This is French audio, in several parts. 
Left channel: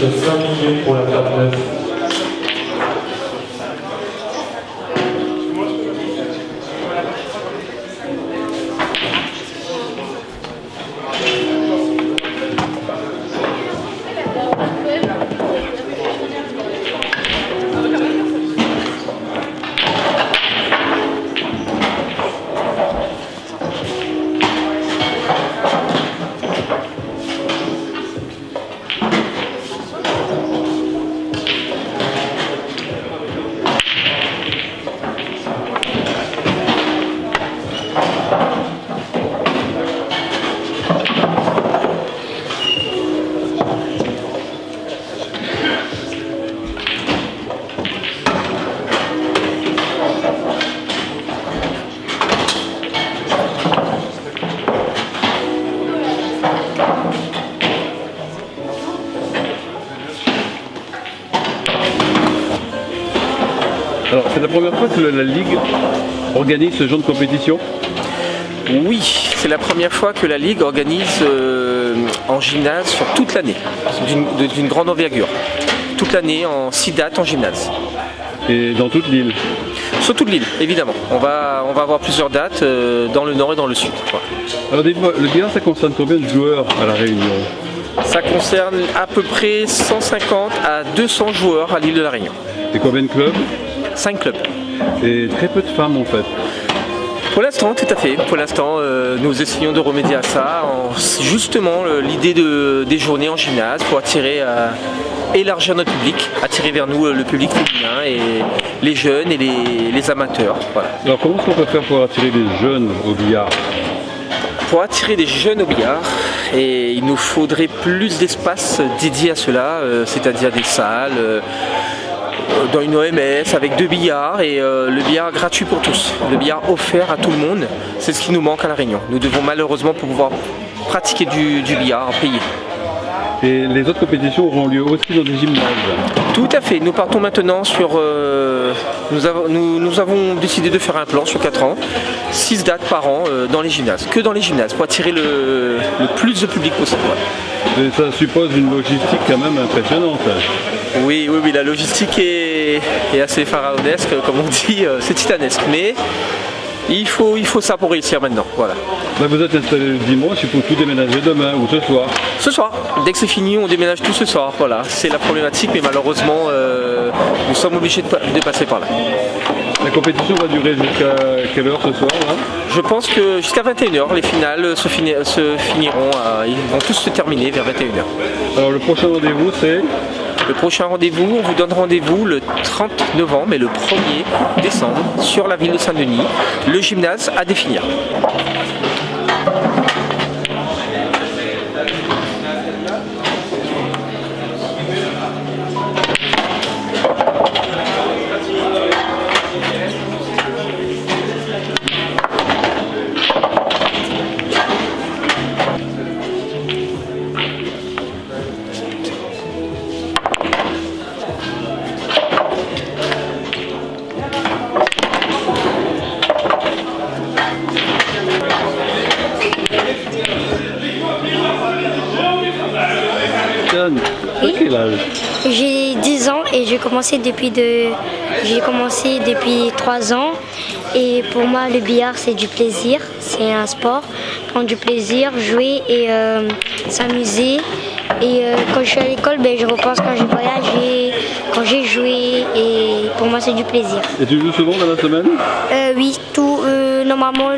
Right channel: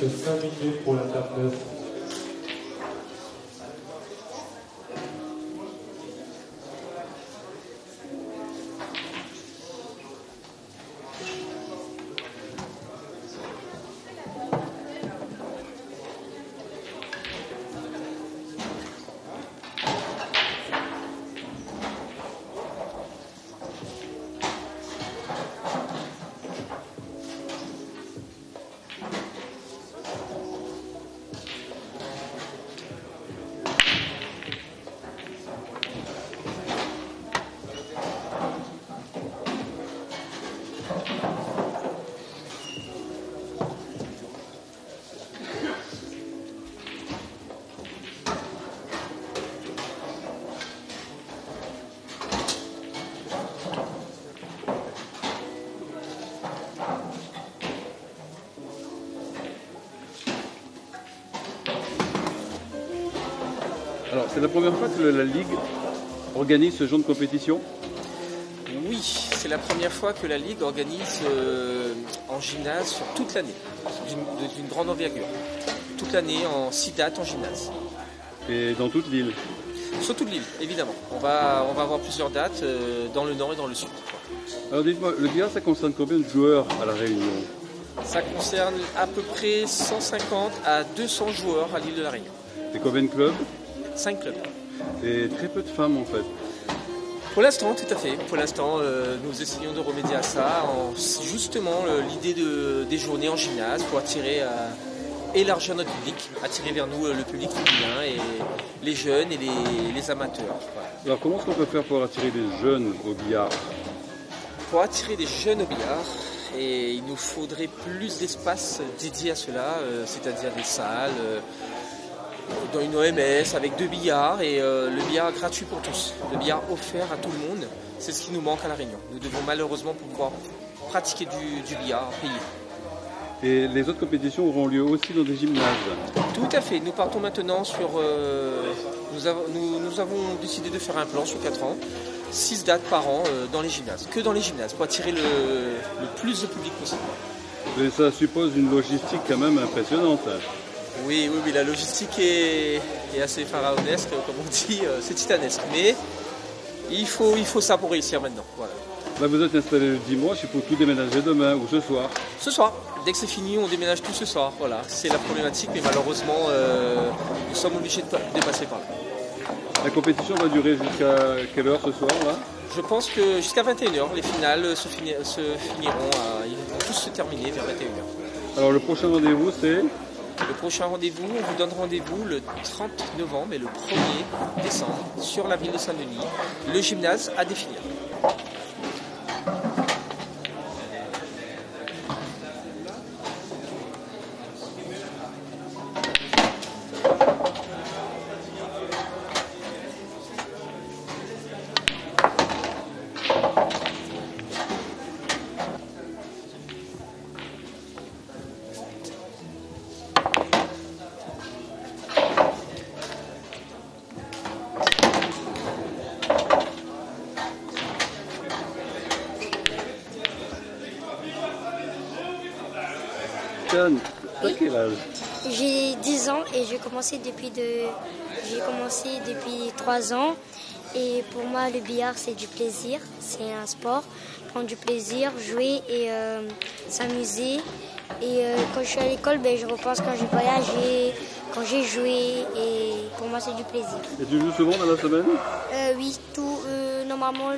reste 5 minutes pour la table 9. Alors, c'est la première fois que la Ligue organise ce genre de compétition? Oui, c'est la première fois que la Ligue organise en gymnase sur toute l'année, d'une grande envergure. Toute l'année en 6 dates en gymnase. Et dans toute l'île? Sur toute l'île, évidemment. On va avoir plusieurs dates dans le nord et dans le sud. Voilà. Alors dites-moi, le billard, ça concerne combien de joueurs à La Réunion? Ça concerne à peu près 150 à 200 joueurs à l'île de La Réunion. Et combien de clubs? 5 clubs. Et très peu de femmes en fait. Pour l'instant, tout à fait. Pour l'instant, nous essayons de remédier à ça. Justement, l'idée des journées en gymnase pour attirer, élargir notre public, attirer vers nous le public féminin et les jeunes et les amateurs. Voilà. Alors comment est-ce qu'on peut faire pour attirer des jeunes au billard? Pour attirer des jeunes au billard, et il nous faudrait plus d'espace dédié à cela, c'est-à-dire des salles, dans une OMS avec 2 billards et le billard gratuit pour tous. Le billard offert à tout le monde, c'est ce qui nous manque à La Réunion. Nous devons malheureusement pour pouvoir pratiquer du billard payer. Et les autres compétitions auront lieu aussi dans des gymnases? Tout à fait. Nous partons maintenant sur... nous avons décidé de faire un plan sur 4 ans, 6 dates par an dans les gymnases, que dans les gymnases, pour attirer le plus de public possible. Et ça suppose une logistique quand même impressionnante. Oui, la logistique est assez pharaonesque, comme on dit, c'est titanesque, mais il faut ça pour réussir maintenant. Voilà. Là, vous êtes installé le dimanche, il faut tout déménager demain ou ce soir? Ce soir, dès que c'est fini, on déménage tout ce soir. Voilà, c'est la problématique, mais malheureusement, nous sommes obligés de passer par là. La compétition va durer jusqu'à quelle heure ce soir là? Je pense que jusqu'à 21h, les finales se finiront, ils vont tous se terminer vers 21h. Alors le prochain rendez-vous c'est? Le prochain rendez-vous, on vous donne rendez-vous le 30 novembre et le 1er décembre sur la ville de Saint-Denis, le gymnase à définir. J'ai 10 ans et j'ai commencé depuis 3 ans. Et pour moi, le billard, c'est du plaisir. C'est un sport. Prendre du plaisir, jouer et s'amuser. Et quand je suis à l'école, je repense quand j'ai voyagé, quand j'ai joué. Et pour moi, c'est du plaisir. Et tu joues souvent dans la semaine? Oui, normalement,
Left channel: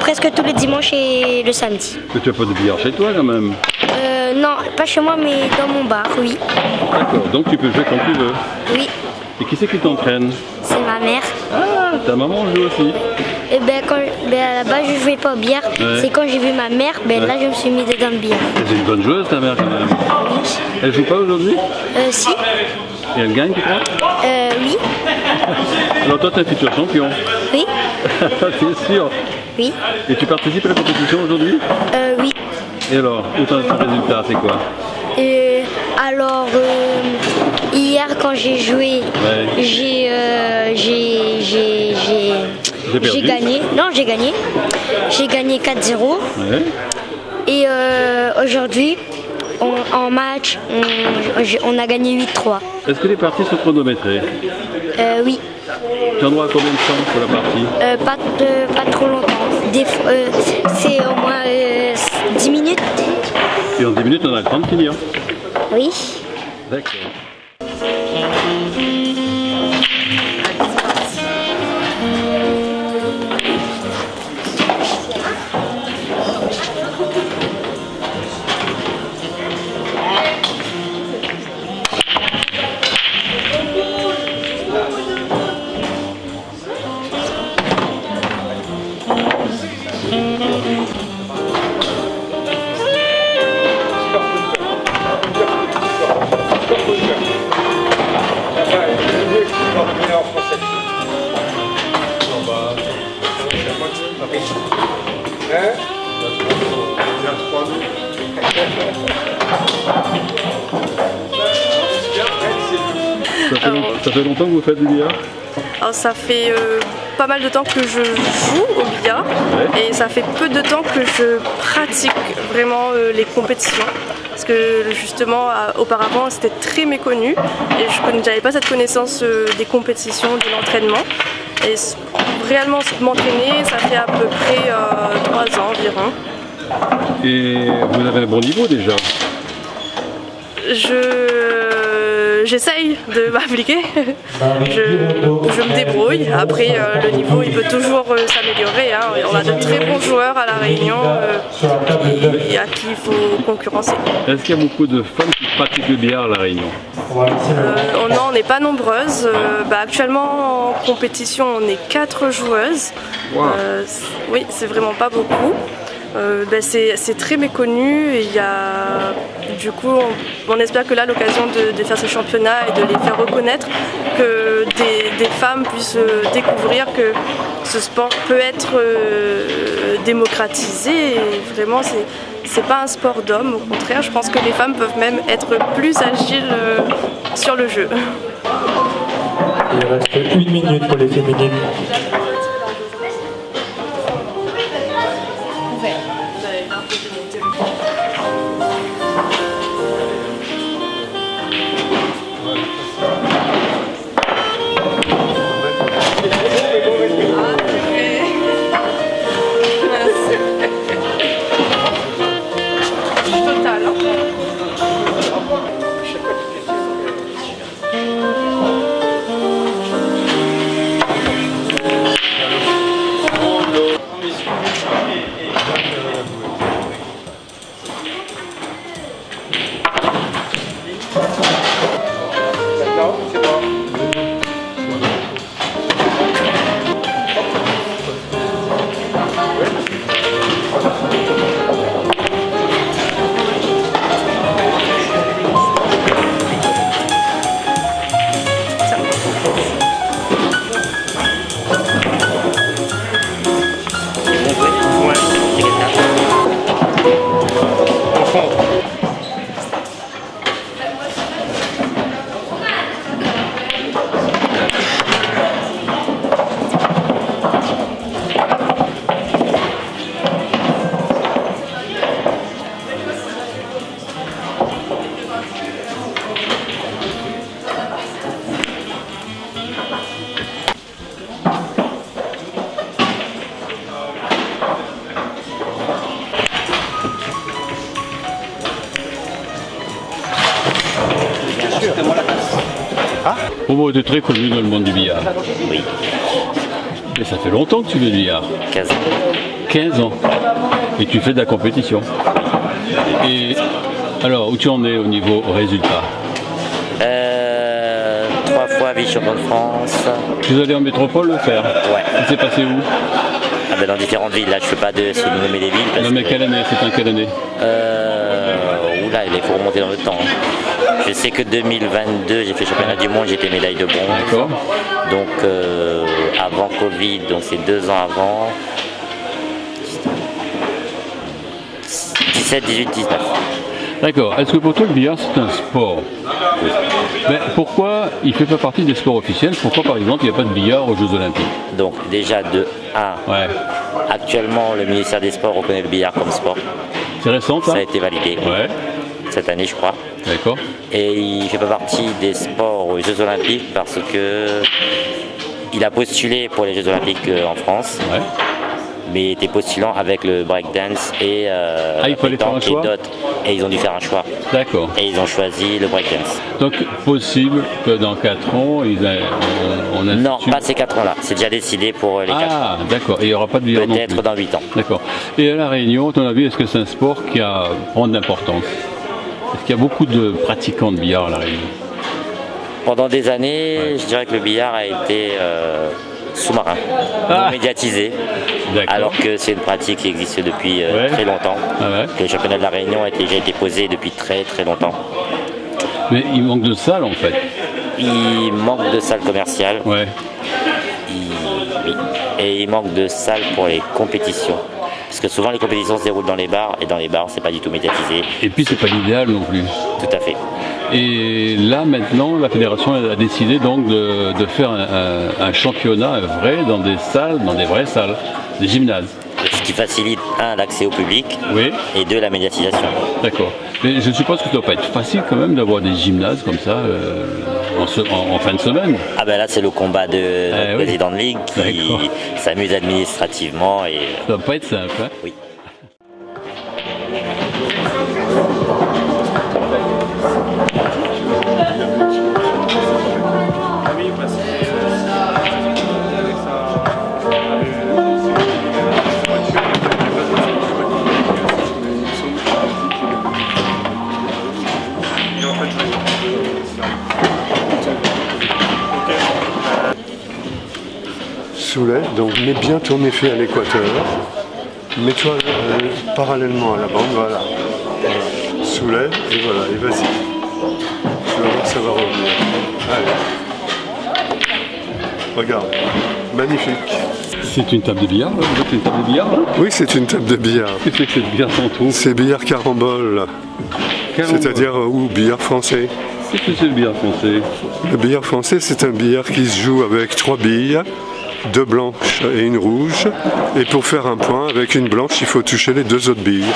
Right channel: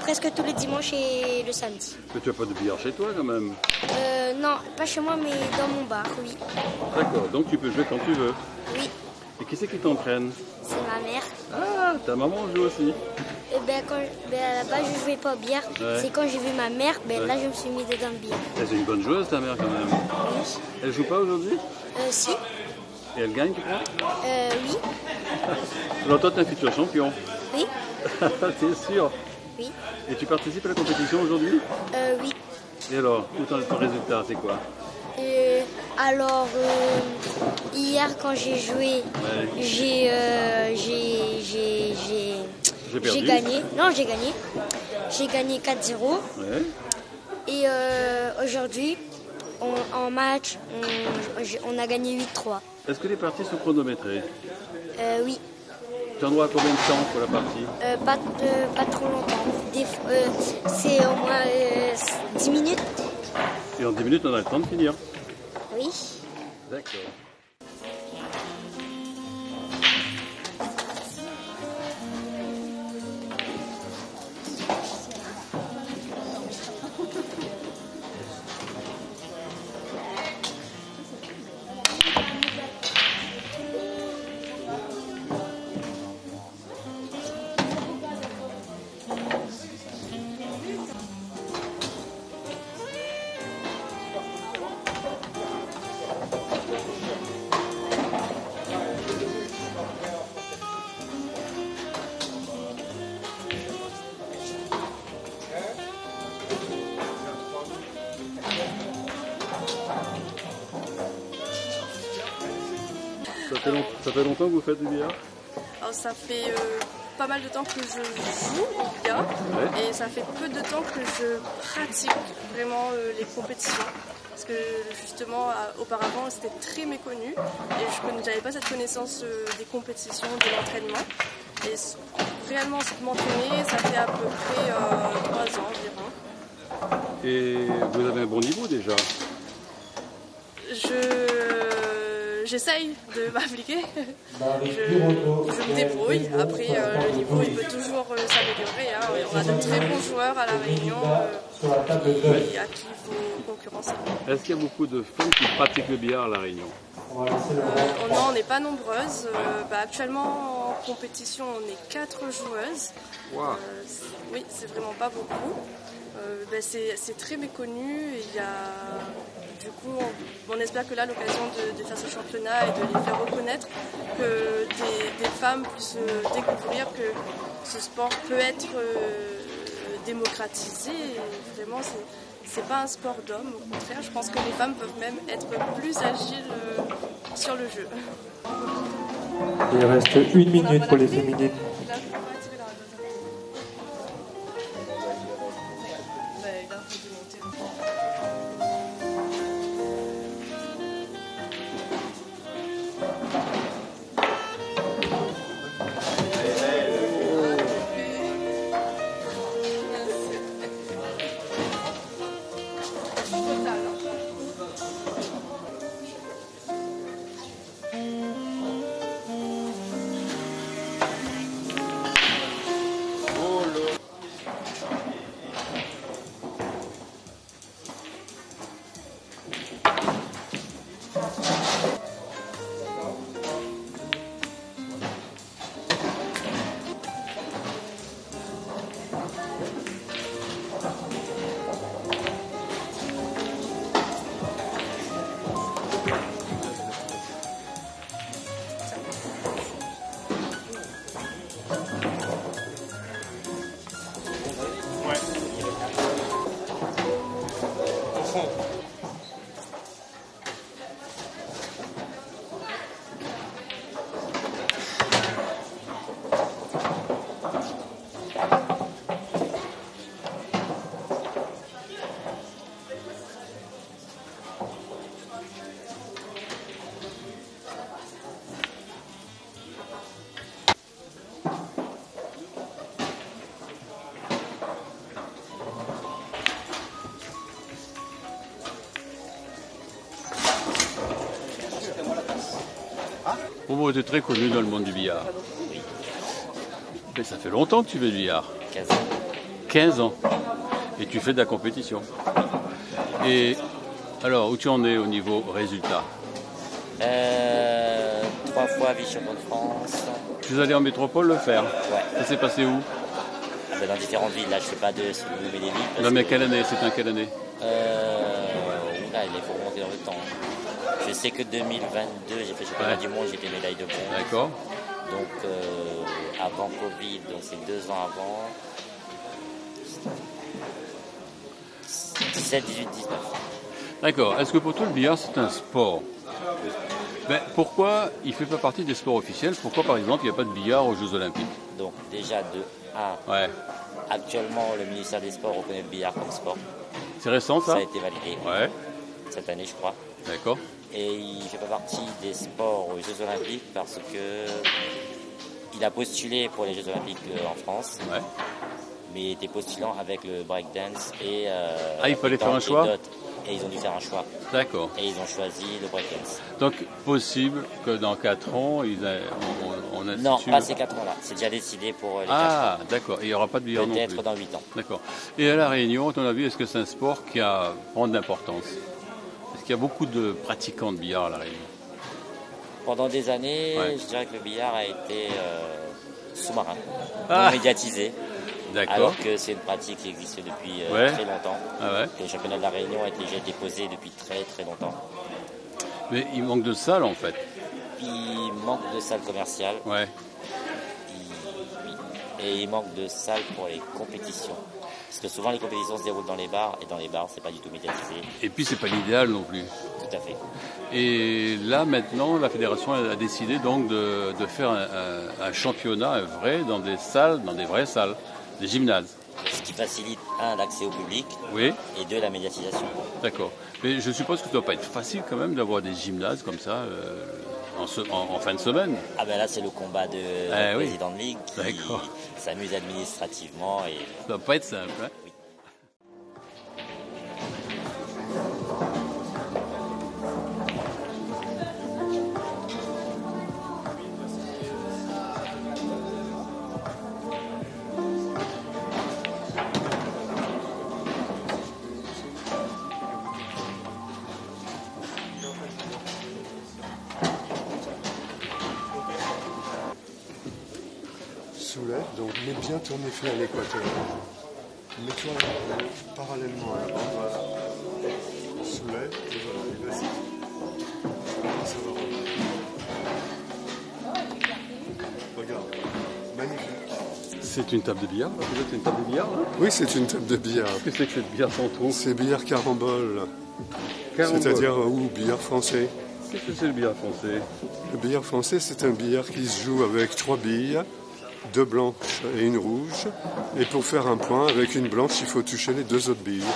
presque tous les dimanches et le samedi. Mais tu n'as pas de billard chez toi quand même? Non, pas chez moi, mais dans mon bar, oui. D'accord, donc tu peux jouer quand tu veux? Oui. Et qui c'est qui t'entraîne? C'est ma mère. Ah, ta maman joue aussi? Et à la base, je jouais pas au billard. Ouais. C'est quand j'ai vu ma mère, là, je me suis mis dedans le billard. C'est une bonne joueuse, ta mère? Oui. Elle joue pas aujourd'hui? Si. Et elle gagne, tu crois? Oui. Alors toi, t'es un futur champion? Oui. T'es sûr? Oui. Et tu participes à la compétition aujourd'hui? Oui. Et alors, autant de résultats, c'est quoi? Alors, hier quand j'ai joué, ouais. J'ai gagné. Non, j'ai gagné. J'ai gagné 4-0. Ouais. Et aujourd'hui, en match, on a gagné 8-3. Est-ce que les parties sont chronométrées? Oui, Tu en auras combien de temps sur la partie? pas trop longtemps. C'est au moins 10 minutes. Et en 10 minutes, on a le temps de finir. Oui. D'accord. Ça fait longtemps que vous faites du billard? Alors ça fait pas mal de temps que je joue au billard et ça fait peu de temps que je pratique vraiment les compétitions. Parce que justement auparavant c'était très méconnu et je n'avais pas cette connaissance des compétitions, de l'entraînement. Et réellement m'entraîner, ça fait à peu près 3 ans environ. Et vous avez un bon niveau déjà? J'essaye de m'appliquer, je me débrouille. Après, le niveau il peut toujours s'améliorer. Hein. On a de très bons joueurs à La Réunion et à qui il faut concurrencer. Est-ce qu'il y a beaucoup de femmes qui pratiquent le billard à La Réunion? Non, on n'est pas nombreuses. Actuellement en compétition, on est 4 joueuses. Wow. Oui, c'est vraiment pas beaucoup. C'est très méconnu et il y a, du coup on espère que là l'occasion de faire ce championnat et de les faire reconnaître, que des femmes puissent découvrir que ce sport peut être démocratisé et vraiment c'est pas un sport d'homme, au contraire je pense que les femmes peuvent même être plus agiles sur le jeu. Il reste 1 minute pour les féminines. Bon, tu es très connu dans le monde du billard. Oui. Mais ça fait longtemps que tu fais du billard. 15 ans. 15 ans. Et tu fais de la compétition. Et alors, où tu en es au niveau résultat? 3 fois vice-champion de France. Tu es allé en métropole le faire? Ouais. Ça s'est passé où? Dans différentes villes. Là, je ne fais pas de nommer les villes. Parce non, mais quelle année? C'était en quelle année? Oula, il faut remonter dans le temps. Je sais que 2022, j'ai fait championnat du monde, j'étais médaille de bronze. D'accord. Donc avant Covid, donc c'est 2 ans avant. 17, 18, 19. D'accord. Est-ce que pour toi le billard c'est un sport? Oui. Mais pourquoi il ne fait pas partie des sports officiels? Pourquoi par exemple il n'y a pas de billard aux Jeux Olympiques? Donc déjà de 1, ouais. Actuellement le ministère des Sports reconnaît le billard comme sport. C'est récent ça? Ça a été validé. Ouais. cette année, je crois. D'accord. Et il ne fait pas partie des sports aux Jeux Olympiques parce que il a postulé pour les Jeux Olympiques en France. Ouais. Mais il était postulant avec le breakdance et pétanque et d'autres. Et ils ont dû faire un choix. D'accord. Et ils ont choisi le breakdance. Donc, possible que dans 4 ans, on a... Non, pas ces 4 ans-là. C'est déjà décidé pour les 4 ans. Ah, d'accord. Et il n'y aura pas de billard non plus. Peut-être dans 8 ans. D'accord. Et à La Réunion, à ton avis, est-ce que c'est un sport qui a prend de l'importance? Est-ce qu'il y a beaucoup de pratiquants de billard à La Réunion? Pendant des années, je dirais que le billard a été sous-marin, non médiatisé. Alors que c'est une pratique qui existe depuis très longtemps. Que le championnat de La Réunion a déjà été posé depuis très très longtemps. Mais il manque de salles en fait. Il manque de salles commerciales. Ouais. Et il manque de salles pour les compétitions. Parce que souvent les compétitions se déroulent dans les bars et dans les bars c'est pas du tout médiatisé. Et puis c'est pas l'idéal non plus. Tout à fait. Et là maintenant la fédération a décidé donc de faire un championnat vrai dans des salles, dans des vraies salles, des gymnases. Ce qui facilite l'accès au public et deux la médiatisation. D'accord. Mais je suppose que ça ne doit pas être facile quand même d'avoir des gymnases comme ça en fin de semaine. Ah ben là c'est le combat de notre président de ligue qui s'amuse administrativement et. Ça ne doit pas être simple. Hein. Oui. Soulet, donc mets bien ton effet à l'équateur, mets-toi parallèlement à la bande, voilà. Soulève et voilà, et vas-y. Tu vas voir, ça va revenir. Allez. Regarde, magnifique. C'est une table de billard, là? C'est une table de billard, là? Oui, c'est une table de billard. Qu'est-ce que c'est le billard qu'on trouve? C'est billard carambole, c'est-à-dire ou billard français. Qu'est-ce que c'est le billard français? Le billard français, c'est un billard qui se joue avec 3 billes, 2 blanches et une rouge. Et pour faire un point, avec une blanche, il faut toucher les 2 autres billes.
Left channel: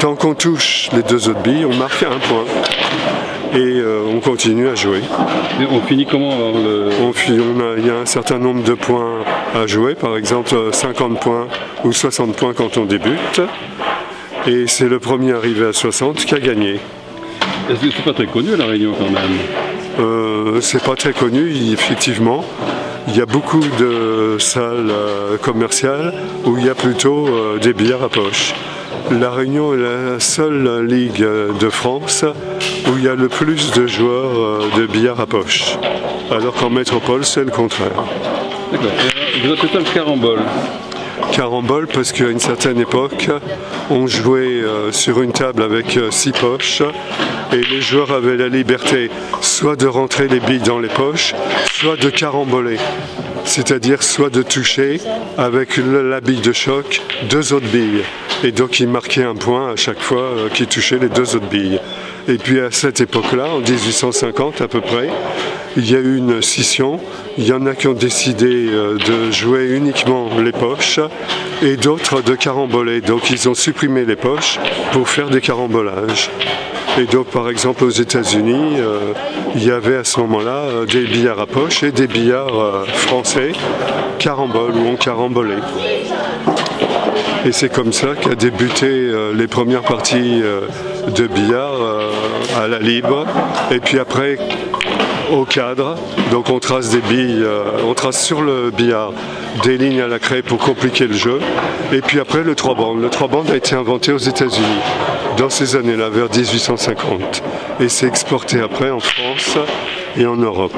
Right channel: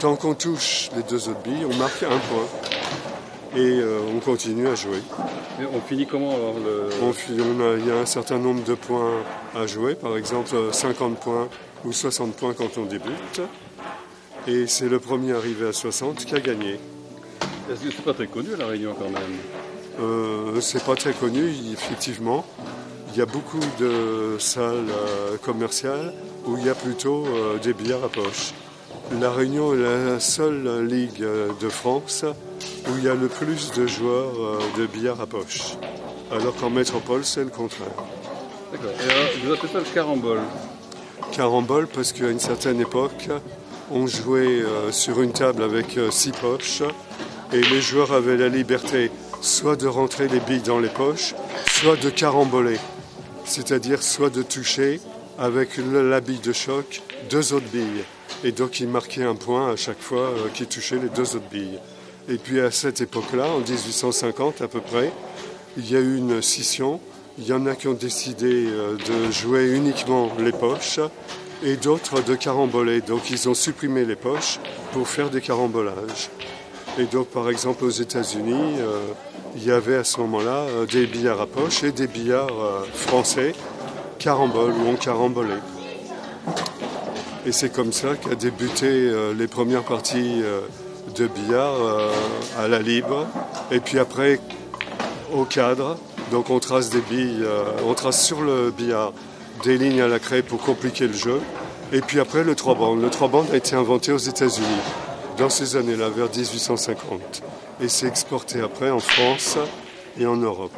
Tant qu'on touche les 2 autres billes, on marque un point. Et on continue à jouer. Et on finit comment il y a un certain nombre de points à jouer, par exemple 50 points ou 60 points quand on débute. Et c'est le premier arrivé à 60 qui a gagné. Est-ce que c'est pas très connu à La Réunion quand même? C'est pas très connu, effectivement. Il y a beaucoup de salles commerciales où il y a plutôt des billards à poche. La Réunion est la seule ligue de France où il y a le plus de joueurs de billard à poche. Alors qu'en métropole, c'est le contraire. D'accord. Vous appelez ça le carambole? Carambole parce qu'à une certaine époque, on jouait sur une table avec 6 poches et les joueurs avaient la liberté soit de rentrer les billes dans les poches, soit de caramboler. C'est-à-dire soit de toucher avec la bille de choc 2 autres billes. Et donc ils marquaient un point à chaque fois qu'ils touchaient les 2 autres billes. Et puis à cette époque-là, en 1850 à peu près, il y a eu une scission. Il y en a qui ont décidé de jouer uniquement les poches et d'autres de caramboler. Donc ils ont supprimé les poches pour faire des carambolages. Et donc par exemple aux États-Unis, il y avait à ce moment-là des billards à poche et des billards français carambole où on carambolait. Et c'est comme ça qu'a débuté les premières parties de billard à la libre. Et puis après au cadre, donc on trace des billes, on trace sur le billard des lignes à la craie pour compliquer le jeu. Et puis après le 3 bandes. Le 3 bandes a été inventé aux États-Unis dans ces années-là, vers 1850. Et c'est exporté après en France et en Europe.